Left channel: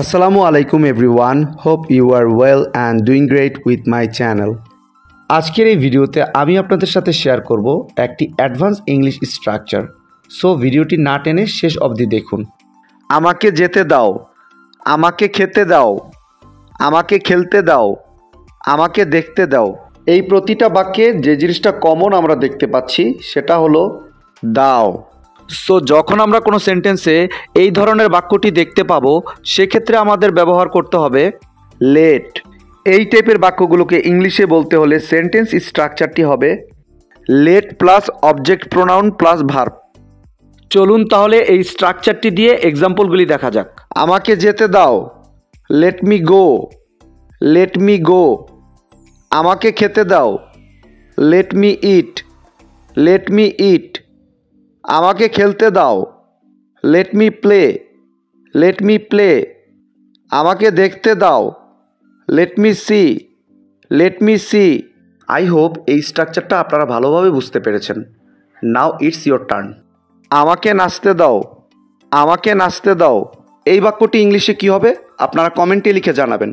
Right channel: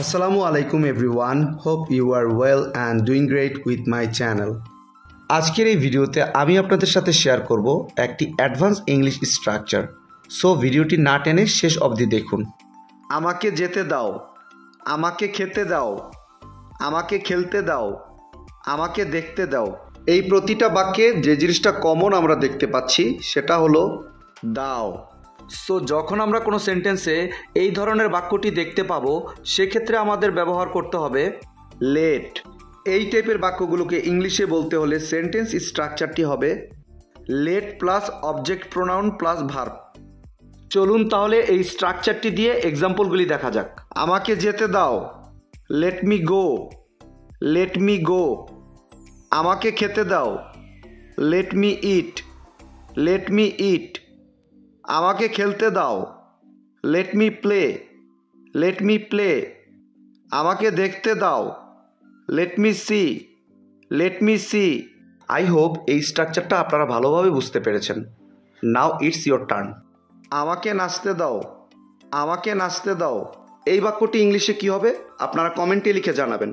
Assalamu alaikum everyone. Hope you are well and doing great with my channel. আজকের এই ভিডিওতে আমি আপনাদের সাথে শেয়ার করব একটি অ্যাডভান্স ইংলিশ স্ট্রাকচার। সো ভিডিওটি না টেনে শেষ অবধি দেখুন। আমাকে যেতে দাও, আমাকে খেতে দাও, আমাকে খেলতে দাও, আমাকে দেখতে দাও। এই প্রতিটা বাক্যে যে জিনিসটা কমন আমরা দেখতে পাচ্ছি সেটা হলো দাও। সো যখন আমরা কোনো সেন্টেন্সে এই ধরনের বাক্যটি দেখতে পাবো সেক্ষেত্রে আমাদের ব্যবহার করতে হবে লেট। এই টাইপের বাক্যগুলোকে ইংলিশে বলতে হলে সেন্টেন্স স্ট্রাকচারটি হবে let plus object pronoun plus verb. চলুন তাহলে এই স্ট্রাকচারটি দিয়ে এক্সাম্পলগুলি দেখা যাক। আমাকে যেতে দাও, let me go, let me go. আমাকে খেতে দাও, let me eat, let me eat. আমাকে খেলতে দাও, let me play, let me play. আমাকে দেখতে দাও, let me see, let me see. I hope এই স্ট্রাকচারটা আপনারা ভালোভাবে বুঝতে পেরেছেন। Now it's your turn. আমাকে নাচতে দাও, আমাকে নাচতে দাও। এই বাক্যটি ইংলিশে কী হবে আপনারা কমেন্টে লিখে জানাবেন।